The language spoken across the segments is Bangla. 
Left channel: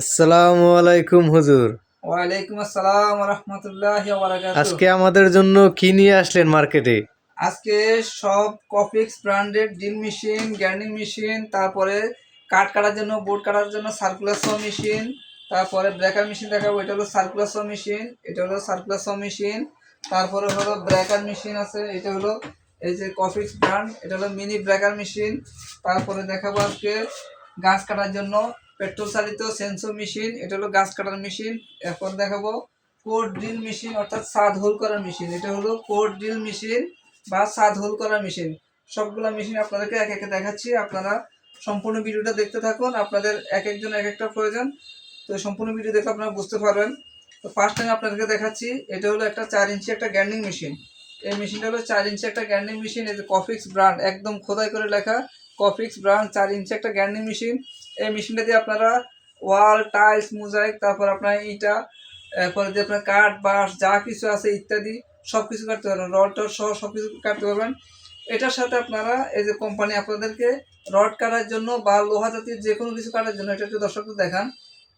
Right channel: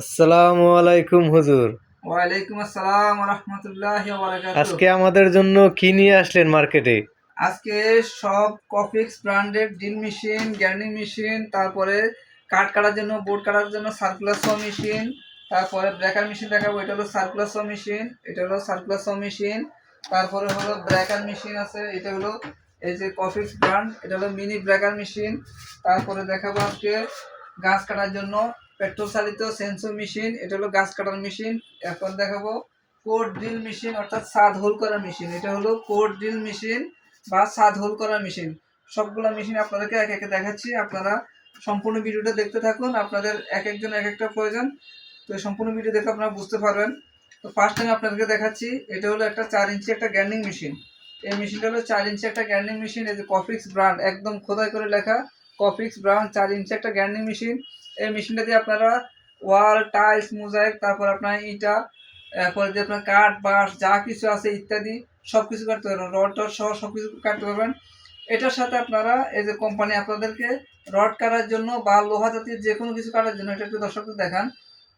আসসালামু আলাইকুম হুজুর। ওয়ালাইকুম আসসালাম রহমতুল্লাহ আজকে আমাদের জন্য কি নিয়ে আসলেন মার্কেটে? আজকে সব কফিক্স ব্র্যান্ডের ড্রিল মেশিন গ্যান্ডিং মেশিন তারপরে কাঠ কাটার জন্য বোর্ড কাটার জন্য সার্কুলার স মেশিন তারপরে ব্রেকার মেশিন দেখাবো এটা হলো সার্কুলার স মেশিন এটা হলো সার্কুলার স মেশিন তারপরে হলো ব্রেকার মেশিন আছে এটা হলো এই যে কফিক্স ব্র্যান্ড এটা হলো মিনি ব্রেকার মেশিন তারপরে দেখাবো আজকে গাছ কাটার জন্য পেট্রোল চালিত সেন্সর মেশিন, এটা হলো গাছ কাটার মেশিন। এখন দেখাবো কোড ড্রিল মেশিন, অর্থাৎ সাদ হোল করার মেশিন। এটা হলো কোড ড্রিল মেশিন বা সাদ হোল করার মেশিন। সবগুলো মেশিন আপনাদেরকে এক একে দেখাচ্ছি, আপনারা সম্পূর্ণ ভিডিওটা দেখতে থাকুন। আপনাদের এক একজন এক একটা প্রয়োজন। তো সম্পূর্ণ ভিডিও দেখে আপনারা বুঝতে পারবেন। তো ফার্স্ট টাইম আপনাদেরকে দেখাচ্ছি, এটা হলো একটা চার ইঞ্চি একটা গ্যান্ডিং মেশিন। এই মেশিনটা হলো চার ইঞ্চি একটা গ্যান্ডিং মেশিন, এই যে কফিক্স ব্র্যান্ড একদম খোদাই করে লেখা। কফিক্স ব্র্যান্ড চার ইঞ্চি একটা গ্যান্ডিং মেশিন এই মেশিনটা দিয়ে আপনারা ওয়াল টাইলস মোজাইক তারপর আপনার ইটা, এরপরে যে আপনার কাঠ, বাঁশ, যা কিছু আছে ইত্যাদি সব কিছু কাটতে পারবেন। রড টড সহ সব কিছু কাটতে পারবেন। এটার সাথে আপনারা এই যে কোম্পানি আপনাদেরকে রড কাটার জন্য বা লোহা জাতীয় যে কোনো কিছু কাটার জন্য, এটা একটু দর্শকদের দেখান।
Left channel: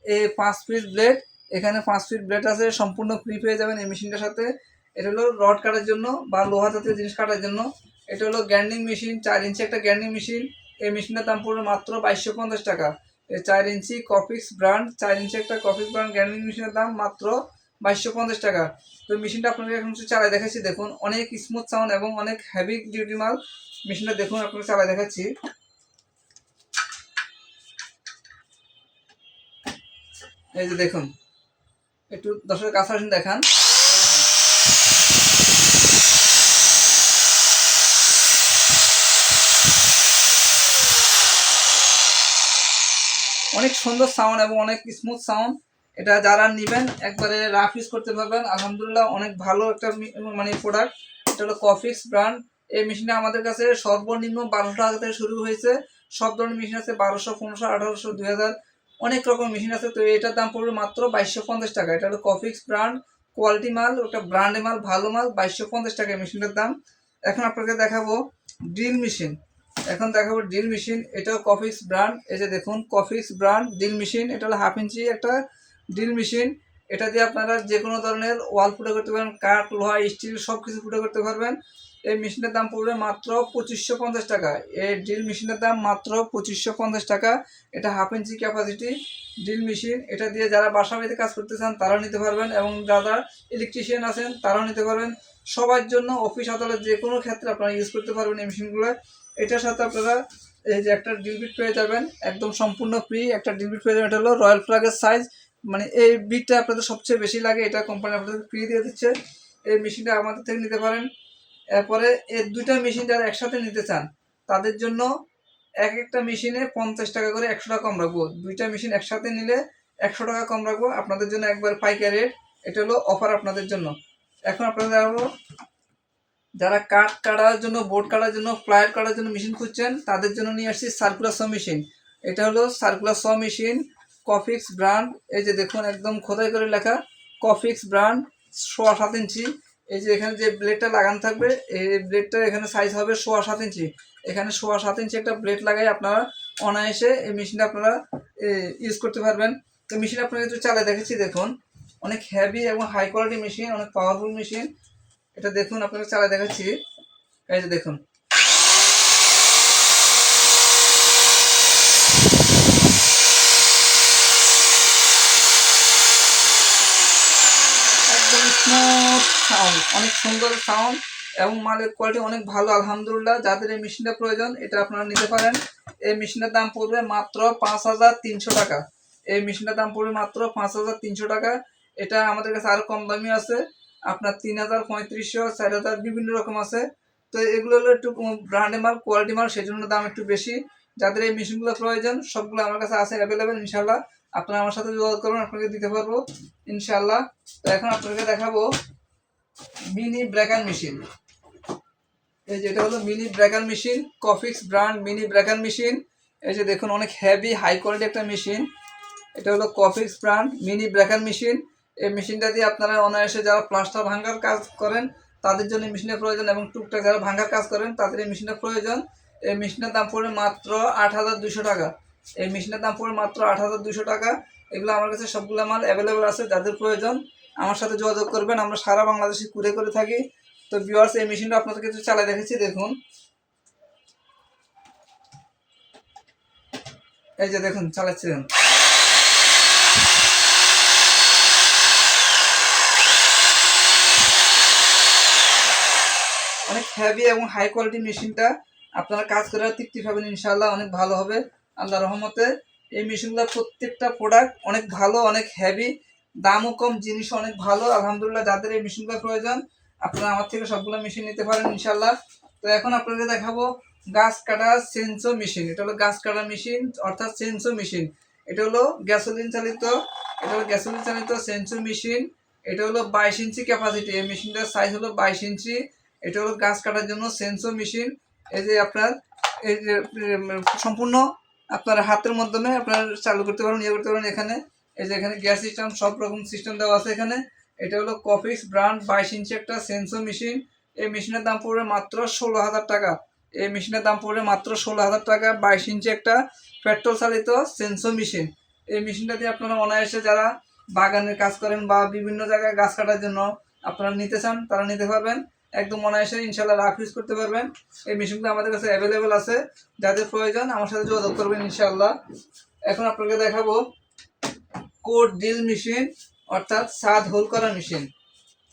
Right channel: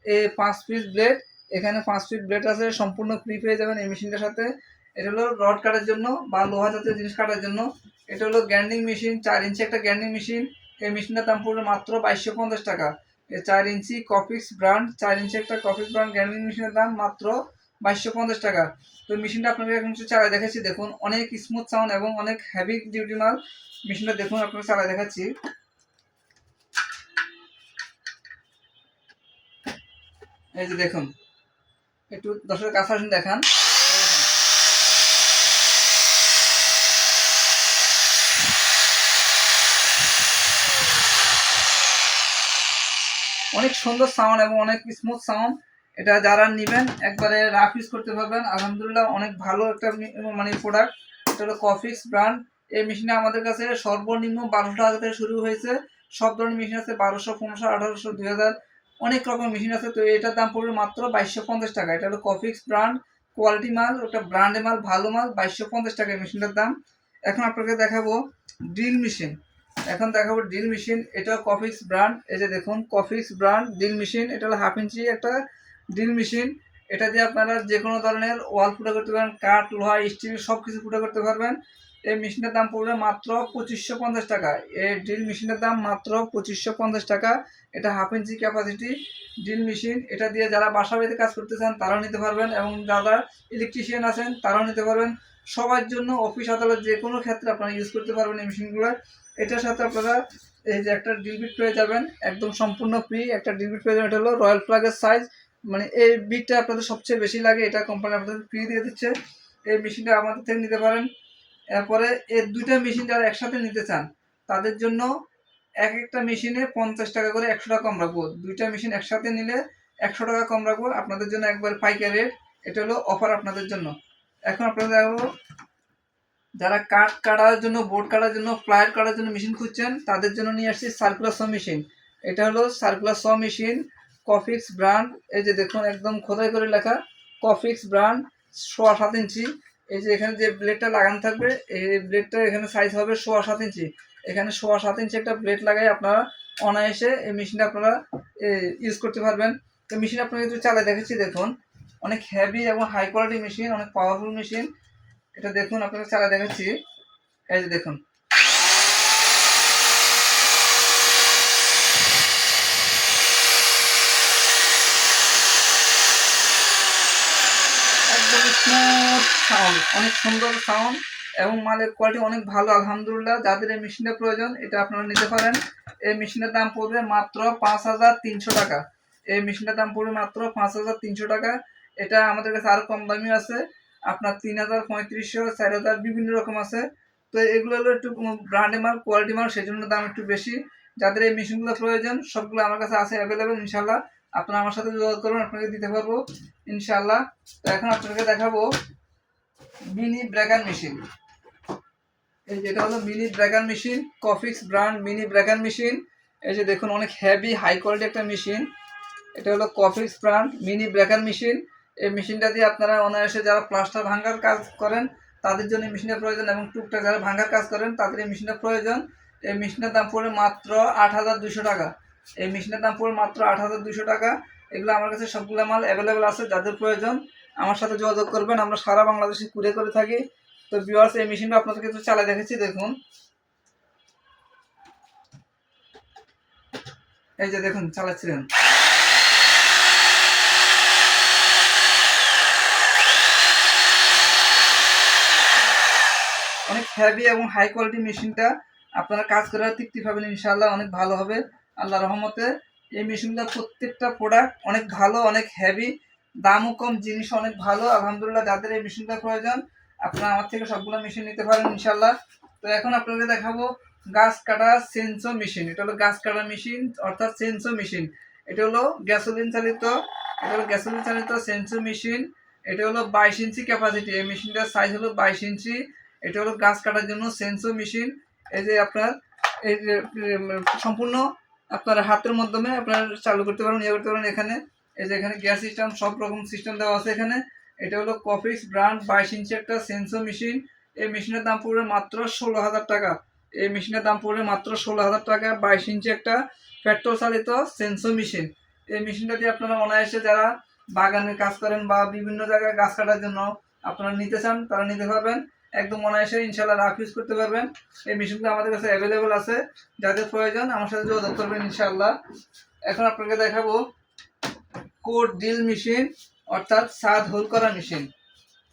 এই পাঁচ পিস ব্লেড এখানে পাঁচ ফিট ব্লেড আছে, সম্পূর্ণ ফ্রি পেয়ে যাবেন এই মেশিনটার সাথে। এটা হলো রড কাটার জন্য বা লোহা জাতীয় জিনিস কাটার জন্য। এটা হলো গ্যান্ডিং মেশিন, চার ইঞ্চি একটা গ্যান্ডিং মেশিন। এই মেশিনের দাম পড়বে মাত্র বাইশশো পঞ্চাশ টাকা। এই চার ইঞ্চি কফিক্স ব্র্যান্ড চার ইঞ্চি একটা কফিক্স ব্র্যান্ড গ্যান্ডিং মেশিনের দাম মাত্র বাইশশো পঞ্চাশ টাকা। তো মেশিনটা আপনাকে এখন চালাই দেখাচ্ছি। দেখুন, অনেক স্মুথ সাউন্ড এবং অনেক হেভি ডিউটি মাল। মেশিনটা দেখুন আপনাকে চালাই দেখাচ্ছি। এই যে দেখুন, একটু দর্শকের কাছে আসুন, দেখান। অনেক সুন্দর সাউন্ড এবং অনেক স্মুথ সাউন্ড এটা যারা নেবেন, একবারে রাফ ইউজ করতে পারবেন। আলহামদুলিল্লাহ, অনেক ভালো একটা মানে প্রোডাক্ট এটা হলো কফিক্স ব্র্যান্ড এই মেশিনটা আমাদের কাছে সর্বনিম্ন বারোশো টাকা থেকে শুরু হয়েছে। সব ধরনের মেশিন আছে, বারোশো, পনেরোশো, আঠারোশো, দুই হাজার। অনেক রকম মেশিন আছে। তো এটার দাম পড়বে মাত্র বাইশশো পঞ্চাশ টাকা। এটা হলো কফিক্স ব্র্যান্ড কোয়ালিটি মাল, ওটা ব্র্যান্ডে মাল, ভালো মাল, বাইশশো পঞ্চাশ টাকা মেশিনটার দাম। এখন আপনাকে দেখাবো ড্রিল মেশিন এখন দেখাবো ড্রিল মেশিন এটাও কফিক্স ব্র্যান্ড এই যে দেখুন কফিক্স ব্র্যান্ড ড্রিল মেশিন এটা হলো হাফ ইঞ্চি একটা ড্রিল মেশিন এটা দিয়ে আপনারা যে কোনো ধরনের ওয়াল ফুটো করতে পারবেন, কাঠ, লোহা স্টিল সব কিছু ফুটো করতে পারবেন। এই মেশিনের দাম পড়বে মাত্র পঁচিশশো পঞ্চাশ টাকা। এই ড্রিল মেশিনের দাম মাত্র পঁচিশশো পঞ্চাশ টাকা। এটা half inch capacity drill machine এটা দিয়ে যারা বাসা বাড়িতে কাজ করতে চান, তারাও নিতে পারবেন এবং যারা ইলেকট্রিশিয়ান আছেন, তারাও নিতে পারবেন। সবার জন্য অফিস আদালত যে কোনো ক্ষেত্রে আপনারা ইউজ করতে পারবেন এই মেশিনগুলো এটার সাথে আপনারা এই যে একটা ডিলবিট পেয়ে যাবেন, একদম সম্পূর্ণ ফ্রি একটা ডিলবিট পেয়ে যাবেন। এটা হলো রয়্যাল ফ্ল্যাগের সাইজ মানে এই বিটটা আপনাদের সবচেয়ে বেশি লাগে, এটা কোম্পানি আপনাদের ফ্রি দিয়ে দিচ্ছে। এই মেশিনটা আমাদের থেকে নিতে পারেন। এরপরে এর দুইটা মেশিন যারা একসাথে নিতে চান, তাদের জন্য এক একটা মেশিনে পঞ্চাশ টাকা করে একশো টাকা কম রাখব। দুইটা মেশিন একসাথে নিলে একশো টাকা কম রাখব। আপনাদের জন্য একবার পাইকারি রেট এটা হলো অফার আপনাদের জন্য। এখন আপনাদের যারা কাঠ কাটার জন্য বোর্ড কাটার জন্য ফ্লায়ার কাটার জন্য মেশিন খুঁজছেন, তাদের জন্য নিয়ে আসছি সার্কুলার স মেশিন এটা হলো সার্কুলার স মেশিন কফিক্স ব্র্যান্ড এই যে দেখুন একদম খোদাই করে লেখা কফিক্স ব্র্যান্ড সোয়া সাত ইঞ্চি। এই যে এখানে যে ব্লেডটা লাগানো থাকবে, এই ব্লেডটা এখানে সাইজ হবে সোয়া সাত ইঞ্চি। এখানে সোয়া সাত ইঞ্চি একটা ব্লেড লাগাই আপনারা অনায়াসে এই মেশিনটা আপনারা ইউজ করতে পারবেন। তো মেশিন আপনারা একটু চালাই দেখেছি দেখুন। অনেক হেভি এবং হাই কোয়ালিটি মেশিন অনেক পাওয়ারফুল মেশিন এটা দেখুন, আপনাকে চালাই দেখাচ্ছি। এই যে দেখুন। একদম সাউন্ড অনেক সুন্দর সাউন্ড এবং মালের কোয়ালিটি অনেক ভালো, আলহামদুলিল্লাহ। যাদের এই মেশিনটা প্রয়োজন, এটা আপনারা নিতে পারেন। এই মেশিনের দাম পড়বে মাত্র পাঁচ হাজার তিনশো টাকা। এই মেশিনটার দাম পড়বে মাত্র পাঁচ হাজার তিনশো টাকা। এটা আমাদের কাছে আরও কম দামি আছে। আপনার তিন হাজার, পঁয়ত্রিশশো, চার হাজার বিভিন্ন রকম আছে। তো এগুলো হলো একটু ব্র্যান্ডে মাল কোয়ালিটি মাল সেই জন্য দাম একটু বেশি। যাদের এই মেশিনগুলো প্রয়োজন, সবগুলো আমার কাছে আছে অ্যাভেলেবেল ইনশাল্লাহ আপনারা আমার সাথে যোগাযোগ করুন, আপনাকে দিতে পারব ইনশাল্লাহ তো এখন আপনাকে দেখাবো মিনি ব্রেকার মেশিন এই যে এটা হলো মিনি ব্রেকার মেশিন কফিক্স ব্র্যান্ড মিনি ব্রেকার মেশিন এই যে দেখুন, অনেক হেভি হাই কোয়ালিটি একটা মেশিন এটা হলো কফিক্স ব্র্যান্ড মিনি ব্রেকার মেশিন এই মেশিনটা দিয়ে আপনারা অনায়াসে যারা প্লাস্টার ভাঙার কাজ করেন, তাদের জন্য মেশিনের প্রয়োজন এবং টুকটাক যারা ভাঙার কাজ করেন, তাদের এই মেশিনের প্রয়োজন। এই মেশিনের দাম পড়বে মাত্র আট হাজার দুশো টাকা। এই মেশিনের দাম পড়বে মাত্র আট হাজার দুশো টাকা। এগুলো আমার কাছে সবগুলো মাল অ্যাভেলেবেল আছে, যাদের প্রয়োজন। আমার সাথে যোগাযোগ করবেন, আমরা সারা বাংলাদেশে কুড়ে করে থাকি। তো ভিউয়ার্স এই মেশিনটা আপনাদেরকে একটু চালিয়ে দেখেছি দেখুন। এই যে দেখুন, চালাচ্ছিলেন। অনেক হেভি এবং হাই কোয়ালিটি মেশিনটা আপনারা কাজ করার তৃপ্তি পাবেন ইনশাল্লাহ অনেক ভালো হবে। আল্লাহ রহমতে এই মেশিনগুলো প্রত্যেকটা প্রোডাক্ট অনেক ভালো, অনেক হেভি দামও কম জিনিস অনেক ভালো। আলহামদুলিল্লাহ যাদের এই মেশিনগুলো প্রয়োজন, আপনারা আমার থেকে সবগুলো মেশিন নিতে পারেন ইনশাল্লাহ তো এখন আপনাদের দেখাবো গাছ কাটা সেন্সো মেশিন। এটা হলো গাছ কাটা মেশিন, অর্থাৎ সেন্সো মেশিন। এটা হলো গ্যাসোলিন চালিত, এটা হলো গ্যাসোলিন চালিত সেন্সো মেশিন। এটা হলো বাইশ ইঞ্চি ক্যাপাসিটি এই মেশিনটার সাইজ হলো বাইশ ইঞ্চি। এটা হলো গাছ কাটার জন্য সেন্সো মেশিন এই যে আপনার, এই যে সম্পূর্ণ আপনার হাতের মাধ্যমে আপনার চালু করতে পারেন ইয়ে করতে পারেন এখানে। এই যে এখানে গ্যাস সিস্টেম, সব রকম সিস্টেম দেওয়া আছে এখানে। এটা হলো কফিক্স ব্র্যান্ড বাইশ ইঞ্চি একটা সেন্সো মেশিন এই মেশিনের দাম পড়বে মাত্র ষোলো হাজার টাকা। এই মেশিনের দাম পড়বে মাত্র ষোলো হাজার টাকা, বাইশ ইঞ্চি একটা পেট্রোল চালিত সেন্সো মেশিন এই মেশিনটা দিয়ে আপনারা অনায়াসে যারা বাগানের কাজ করেন বা বিভিন্ন জায়গায় গাছ কাটার জন্য আপনারা নিতে চান, তারা নিতে পারবেন। একদম অনায়াসে ইনশাল্লাহ রাফ ইউজ করতে পারবেন। এই মেশিনগুলো আমাদের কাছে অ্যাভেলেবেল আছে। যাদের প্রয়োজন, আমার সাথে যোগাযোগ করবেন ইনশাল্লাহ এখন আপনাকে দেখাবো কোড ডিল মেশিন, অর্থাৎ ছাদ হোল করা মেশিন।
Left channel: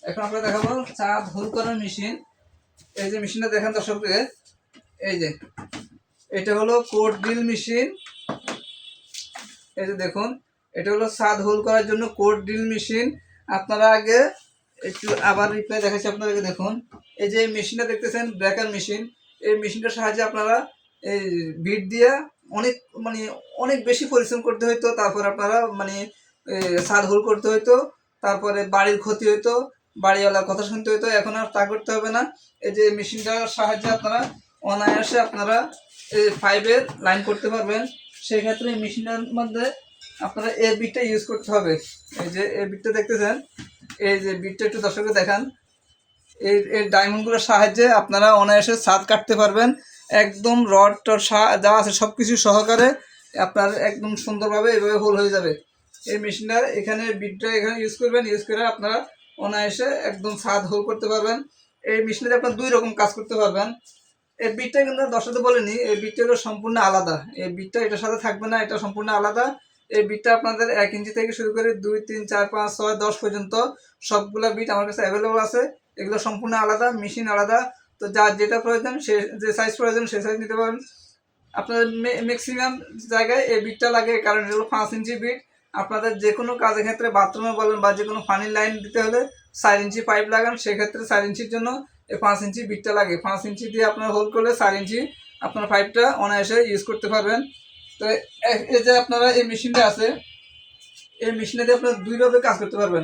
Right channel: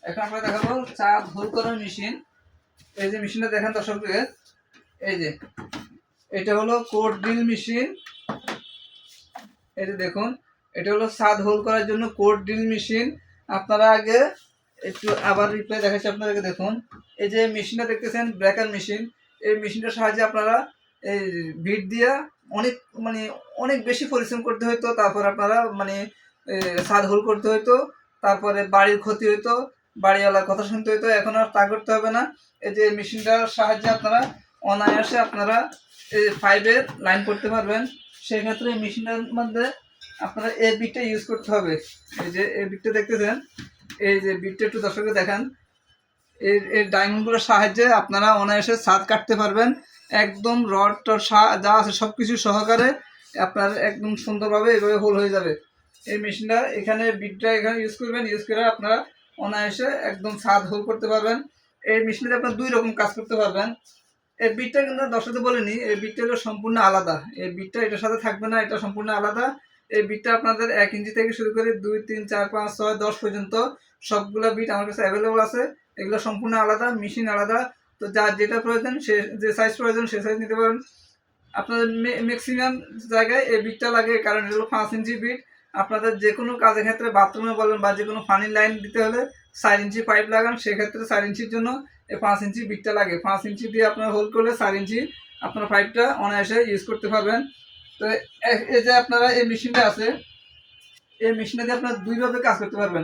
এখন আপনাকে দেখাবো ছাদ হোল করা মেশিন। এই যে মেশিনটা দেখেন দর্শকদের। এই যে, এটা হলো কোড ড্রিল মেশিন। এই যে দেখুন, এটা হলো ছাদ হোল করার জন্য কোড ড্রিল মেশিন। আপনারা আগে একটু আবার রিপ্লাই দেখাচ্ছি আপনাদেরকে, দেখুন। এই যে মেশিনটা দেখতেছেন ব্রেকার মেশিন এই মেশিনটার সাহায্যে আপনারা এই বিট দিয়ে অনেক মানে অনেক বেশি পরিশ্রম করতে হতো তারপর আপনারা মানে ছাদ হোল করতে হতো তারপরে বাড়ির ক্ষতি হতো বাড়িওয়ালার কথা শুনতে হতো এখন আর তা করতে হবে না। এই যে মেশিনটার সাহায্যে আপনারা অনায়াসে আপনারা এই ফাইভের লাইন করতে পারবেন। সেক্ষেত্রে এই মেশিনটার মধ্যে আপনারা এ বিটটা ইউজ করতে হবে। এই যে এ বিটটা দেখতেছেন এই যে বিটটা একটু দর্শককে দেখান। এই এই ডায়মন্ডগুলোর সাহায্যে আপনারা অনায়াসে ছাদ কাটতে পারবেন। একদম রড সা- যা আছে সব কিছু সহকারে আপনার একদম সুন্দরভাবে এভাবে হোল হয়ে যাবে। এই মেশিনটা, এখানে বিটটা এখানে ইউজ করবেন ইউজ করে আপনারা অনায়াসে একদম ছাদ হোল করতে পারবেন। এই মেশিনটাতে আপনার দুই রকম কাজ করতে পারবেন। এর বিটটা কিন্তু দর্শকদের বলিনি, এই বিটটা সম্পূর্ণ আলাদা। এই বিটটা এটার সাথে থাকবে না, এটা সম্পূর্ণ আলাদা। এই বিটটা আপনাদের এক ইঞ্চি থেকে শুরু করে দুই, তিন, চার, পাঁচ, ছয়, দশ পর্যন্ত সবগুলা বিট আমার কাছে অ্যাভেলেবল আছে। এগুলো সম্পূর্ণ আলাদা মেশিন আলাদা। তো যার যেটা প্রয়োজন, সে যে সাইজ প্রয়োজন, সে সাইজ নিতে পারেন আপনার ম্যাক্সিমাম জায়গায় এই বিটটা লাগে, কারণ এগুলো পাঁচ ইঞ্চি বিট আপনাদের যে কোনো কাজের ক্ষেত্রে বাথরুমে বলেন বা যে কোনো পানির লাইন দিতে হলে চার ইঞ্চি পাইপ লাগান। সেক্ষেত্রে চার ইঞ্চির জন্য এই পাঁচ ইঞ্চি বিটটা লাগে। পাঁচ ইঞ্চি দিয়ে আপনার হোল করলে চার ইঞ্চি আপনার পাইপটা অনায়াসে ইউজ করতে পারবেন। তো এই যে আপনারা এই মেশিনটা আছে, এই মেশিনে দিয়ে আপনারা দুইভাবে কাজ করতে পারবেন।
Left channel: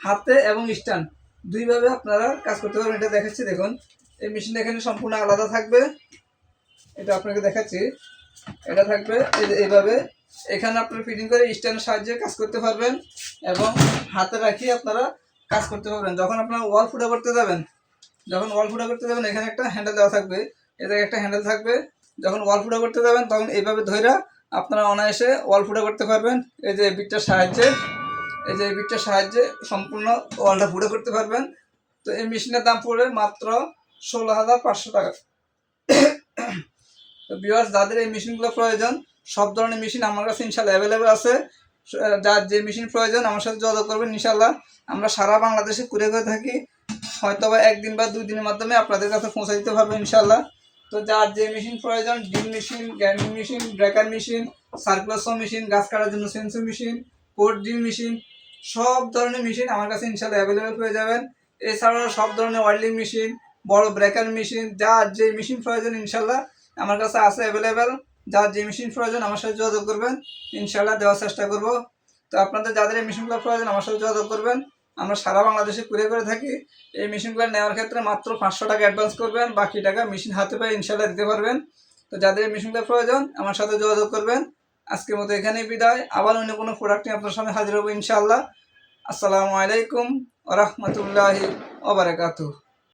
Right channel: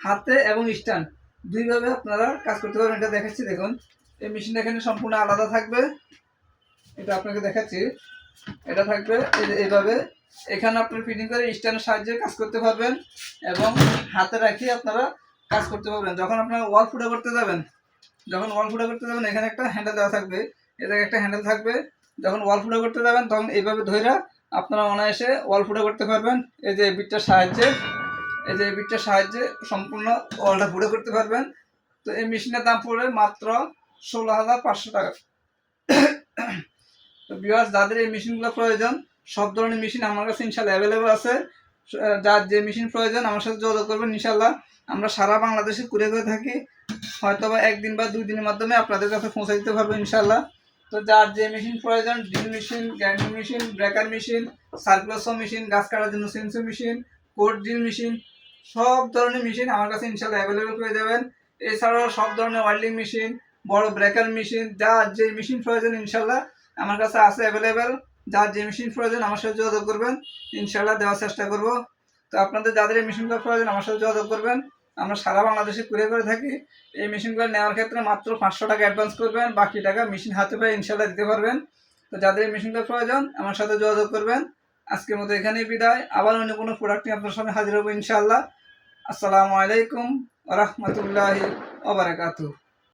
হাতে এবং স্ট্যান্ড, দুইভাবে আপনারা কাজ করতে পারবেন। এটা দেখাচ্ছি, দেখুন। এই মেশিনটা এখানে সম্পূর্ণ আলাদা থাকবে। এটা আপনাকে দেখাচ্ছি। এটা থাকবে এইভাবে। এখানে আপনার ফিটিং করে স্ট্যান্ডের সাহায্যে কাজ করতে পারবেন এবং হাতে রাখিয়ে আপনারা কাজ করতে পারবেন। যখন আপনারা ওয়াল ফুটা করতে যাবেন, যখন ওয়াল ফুটা করতে যাবেন, এখানে একটা হ্যান্ডেল দেওয়া থাকবে। এতে একটা হ্যান্ডেল থাকবে। যখন ওয়াল ফুটা করতে যাবেন, তখন এইভাবে ধইরা আপনারা অনায়াসে ওয়াল ফুটা করতে পারবেন। এই যে বিটটার সাহায্যে, এই যে বিটটার সাহায্যে সম্পূর্ণ ওয়ালটা ফুটা করতে পারবেন। তো এই মেশিনের দাম পড়বে মাত্র ষোলো হাজার পাঁচশো টাকা। তো বিয়ার্স যাদের এই মেশিনগুলো প্রয়োজন, সব ধরনের মেশিন আমার কাছে ইনশাল্লাহ অ্যাভেলেবেল আছে। যার যে মেশিন প্রয়োজন, আমার সাথে যোগাযোগ করবেন ইনশাল্লাহ। আমরা সারা বাংলাদেশে ঘুরে করে থাকি। হয়তো বা একদিন বা দুই দিনের মাধ্যমে আপনাদের কাছে পৌঁছে দিতে পারব ইনশাল্লাহ। তো যার যে মেশিন প্রয়োজন drill machine grinding machine breaker machine সার্কুলাসো machine গাছ কাটার জন্য chainsaw machine cord drill machine সব ধরনের মেশিন আমার কাছে ইনশাল্লাহ অ্যাভেলেবেল পেয়ে যাবেন। এছাড়াও সব ধরনের ওয়েল্ডিং মেশিন বড় ব্রেকার মেশিন যার যে মেশিন প্রয়োজন ইনশাল্লাহ আমার কাছে আছে অ্যাভেলেবেল যার যে মেশিন প্রয়োজন আমার সাথে যোগাযোগ করবেন। ইনশাল্লাহ দেওয়ার চেষ্টা করব। তো আপনাদের যাদের এই মেশিনগুলো প্রয়োজন আমার সাথে যোগাযোগ করবেন। আমরা সারা বাংলাদেশে কুড়ে করে থাকি। এই মেশিনগুলো নেওয়ার ক্ষেত্রে মাত্র পাঁচশো টাকা অ্যাডভান্স করবেন, বাকি টাকা মেশিন হাতে পেয়ে ইনশাল্লাহ দিতে পারবেন। তো যাদের এই মেশিনগুলো প্রয়োজন, আমার সাথে যোগাযোগ করবেন। আজকের মতো এখানেই বিদায়। আবার অন্য কোনো প্রোডাক্ট নিয়ে আপনার সামনে হাজির হব ইনশাআল্লাহ। আসসালামু আলাইকুম ওরহমতুল্লাহি ওবরাকাতুহ